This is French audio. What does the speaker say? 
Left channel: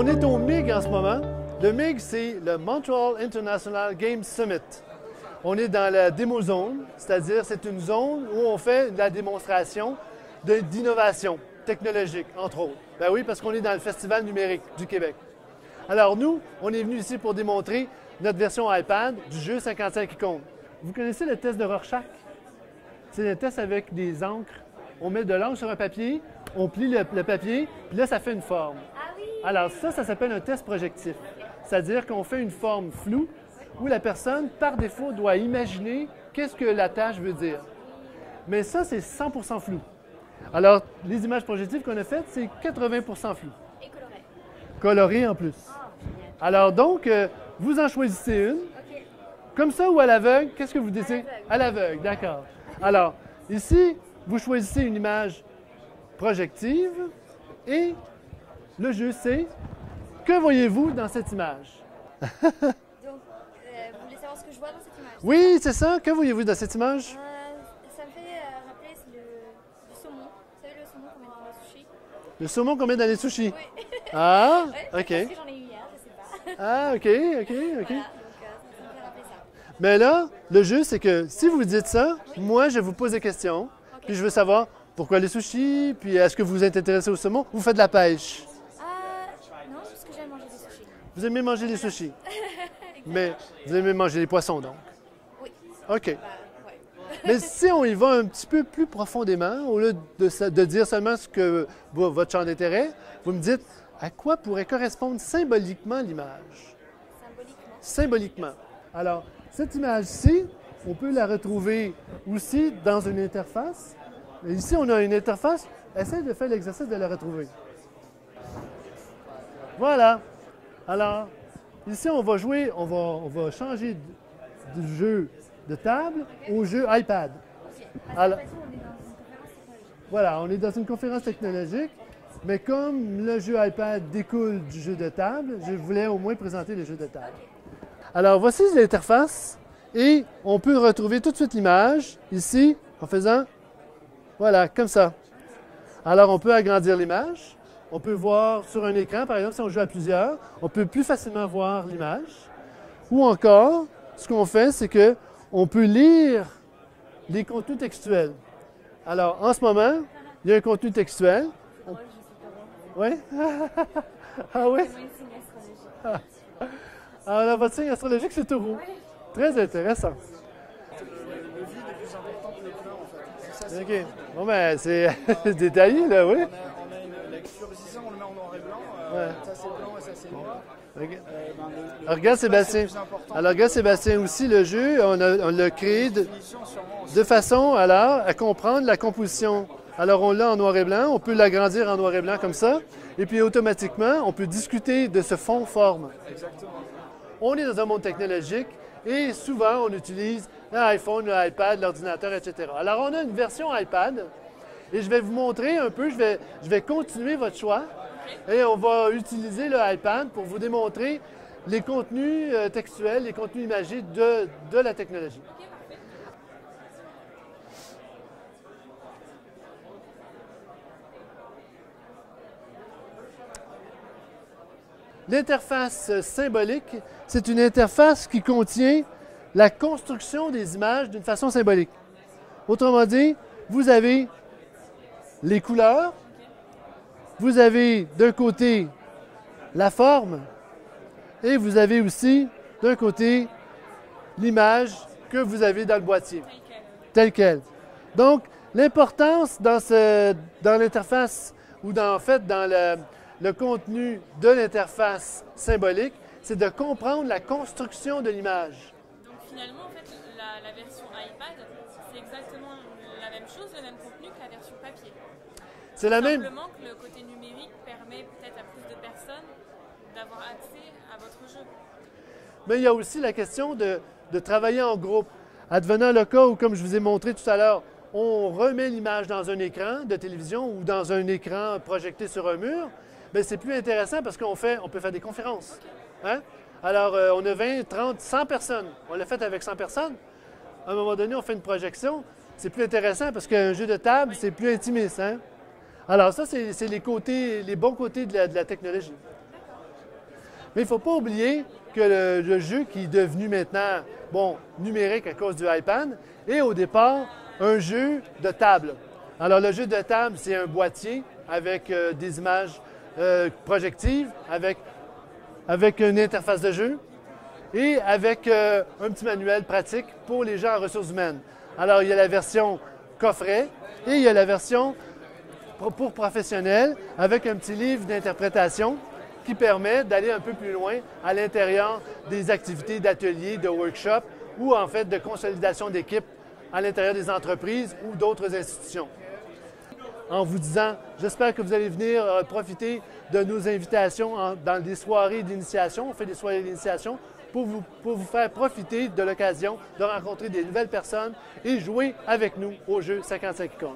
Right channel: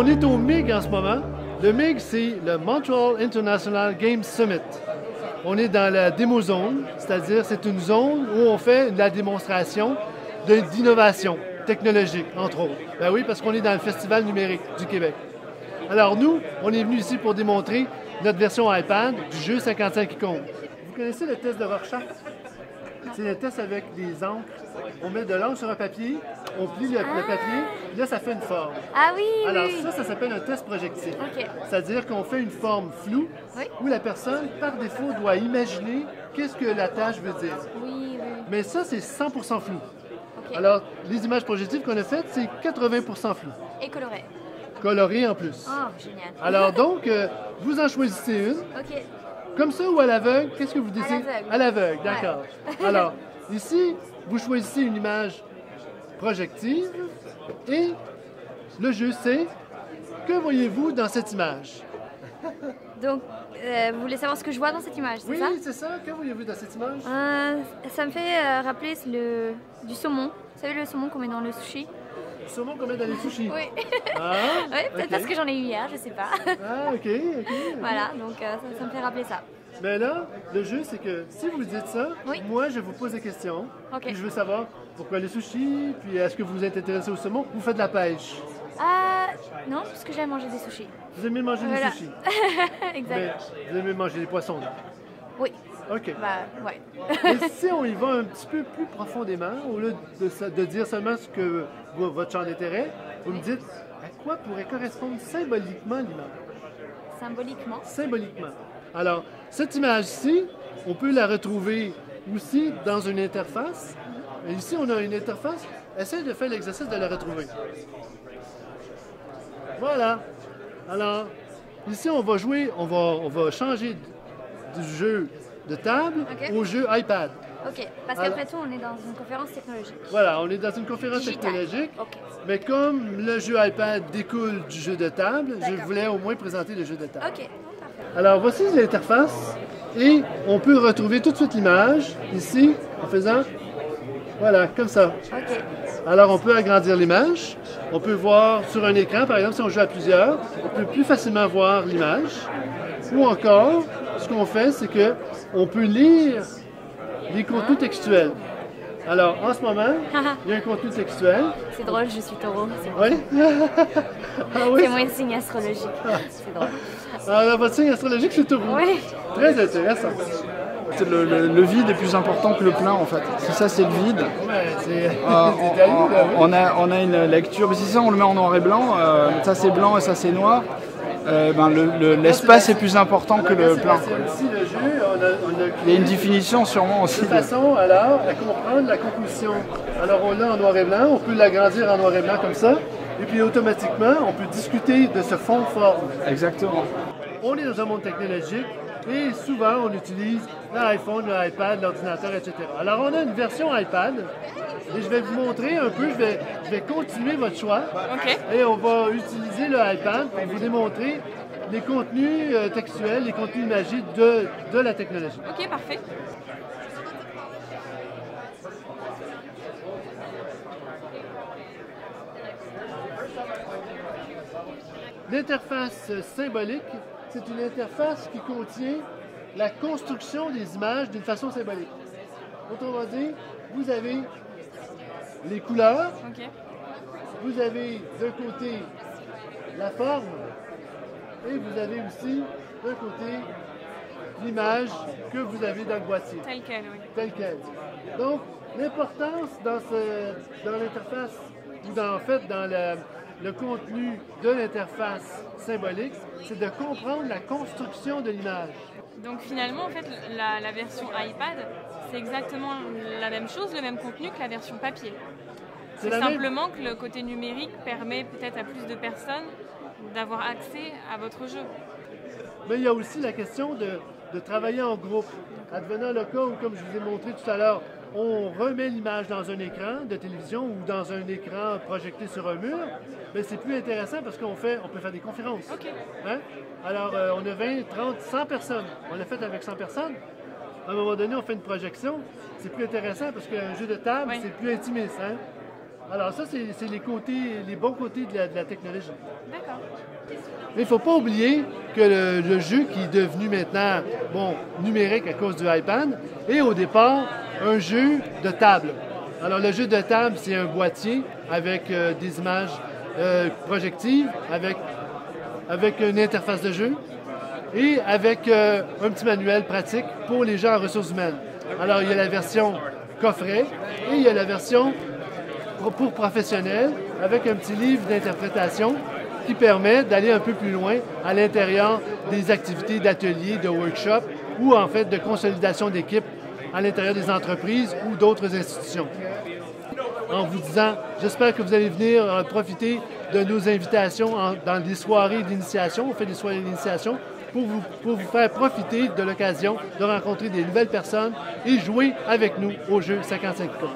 on est au MIG en ce moment. Le MIG, c'est le Montreal International Game Summit. On est dans la démo zone, c'est-à-dire c'est une zone où on fait de la démonstration d'innovation technologique, entre autres. Ben oui, parce qu'on est dans le Festival numérique du Québec. Alors nous, on est venu ici pour démontrer notre version iPad du jeu 55 icônes. Vous connaissez le test de Rorschach? C'est le test avec des encres. On met de l'encre sur un papier, on plie le papier, et là, ça fait une forme. Ah oui, Alors oui. ça s'appelle un test projectif. OK. C'est-à-dire qu'on fait une forme floue Oui. où la personne, par défaut, doit imaginer qu'est-ce que la tâche veut dire. Oui, oui. Mais ça, c'est 100% flou. Alors, les images projectives qu'on a faites, c'est 80% flou. Et coloré. Coloré en plus. Oh, génial. Alors donc, vous en choisissez une. OK. Comme ça ou à l'aveugle, qu'est-ce que vous décidez? l'aveugle. À l'aveugle, d'accord. Alors, ici, vous choisissez une image projective et le jeu, c'est que voyez-vous dans cette image? Donc, vous voulez savoir ce que je vois dans cette image? Oui, c'est c'est ça. Que voyez-vous dans cette image? ça? Ça me fait rappeler du saumon. Vous savez le saumon qu'on met dans le sushi? Le saumon qu'on met dans les sushis. Oui. Ah, Oui, peut-être ok. parce que j'en ai eu hier, je sais pas. Ah, ok. Voilà, donc ça me fait rappeler ça. Mais là, le jeu, c'est que si vous dites ça, Oui. moi, je vous pose des questions. Ok. Puis je veux savoir pourquoi les sushis, puis est-ce que vous êtes intéressé au saumon? Vous faites de la pêche. Non, parce que j'aime manger des sushis. Vous aimez manger des Voilà. sushis. Exact. Mais vous aimez manger des poissons, non? Oui, OK. bah ouais. Mais si on y va un petit peu plus profondément, au lieu de dire seulement ce que votre champ d'intérêt, vous me dites à quoi pourrait correspondre symboliquement l'image? Symboliquement. Symboliquement. Alors, cette image-ci, on peut la retrouver aussi dans une interface. Mais ici, on a une interface. Essayez de faire l'exercice de la retrouver. Voilà. Alors, ici, on va jouer, on va changer du jeu de table OK. au jeu iPad. Ok, parce Alors- qu'après tout, on est dans une conférence technologique. Voilà, on est dans une conférence Digitale. technologique, Ok. mais comme le jeu iPad découle du jeu de table, je D'accord. voulais au moins présenter le jeu de table. Ok. Alors, voici l'interface et on peut retrouver tout de suite l'image ici en faisant, voilà, comme ça. Ok. Alors, on peut agrandir l'image. On peut voir sur un écran, par exemple, si on joue à plusieurs, on peut plus facilement voir l'image. Ou encore, ce qu'on fait, c'est que on peut lire les contenus textuels. Alors, en ce moment, il y a un contenu textuel. C'est drôle, je suis taureau. Oui? Ah oui? C'est mon signe astrologique. C'est drôle. Alors, votre signe astrologique, c'est taureau. Oui. Très intéressant. Le vide est plus important que le plein en fait. Si ça c'est le vide, Bon, ben, c'est détaillé, là, oui. on a une lecture. Si ça on le met en noir et blanc, ça c'est blanc et ça c'est noir. L'espace est plus important que Alors, le regarde, plein. Sébastien, aussi, le jeu, on l'a Il y a créé une définition sûrement aussi. de façon, alors, à comprendre la composition. Alors, on l'a en noir et blanc, on peut l'agrandir en noir et blanc comme ça, et puis automatiquement, on peut discuter de ce fond-forme. Exactement. On est dans un monde technologique, et souvent, on utilise l'iPhone, l'iPad, l'ordinateur, etc. Alors, on a une version iPad, et je vais vous montrer un peu, je vais continuer votre choix. Ok. Et on va utiliser le iPad pour vous démontrer les contenus textuels, les contenus imagés de la technologie. Ok, parfait. L'interface symbolique, c'est une interface qui contient la construction des images d'une façon symbolique. Autrement dit, vous avez les couleurs, Ok. vous avez d'un côté la forme et vous avez aussi d'un côté l'image que vous avez dans le boîtier, Tel quel, oui. telle quelle. Donc, l'importance dans l'interface ou en fait dans le contenu de l'interface symbolique, c'est de comprendre la construction de l'image. Donc finalement, en fait, la version iPad, c'est exactement la même chose, le même contenu que la version papier. C'est la même. Simplement que le côté numérique permet peut-être à plus de personnes d'avoir accès à votre jeu. Mais il y a aussi la question de travailler en groupe. Advenant le cas où, comme je vous ai montré tout à l'heure, on remet l'image dans un écran de télévision ou dans un écran projeté sur un mur, bien, c'est plus intéressant parce on peut faire des conférences. Ok. Hein? Alors, on a 20, 30, 100 personnes. On l'a fait avec 100 personnes. À un moment donné, on fait une projection. C'est plus intéressant parce qu'un jeu de table, Oui. c'est plus intimiste. Hein? Alors, ça, c'est les bons côtés de la technologie. D'accord. Mais il ne faut pas oublier que le jeu qui est devenu maintenant, bon, numérique à cause du iPad, est au départ un jeu de table. Alors, le jeu de table, c'est un boîtier avec des images projectives, avec une interface de jeu et avec un petit manuel pratique pour les gens en ressources humaines. Alors, il y a la version coffret et il y a la version pour professionnels avec un petit livre d'interprétation qui permet d'aller un peu plus loin à l'intérieur des activités d'ateliers, de workshops ou en fait de consolidation d'équipes à l'intérieur des entreprises ou d'autres institutions. En vous disant, j'espère que vous allez venir profiter de nos invitations dans des soirées d'initiation. On fait des soirées d'initiation pour vous faire profiter de l'occasion de rencontrer des nouvelles personnes et jouer avec nous au jeu 55 cas.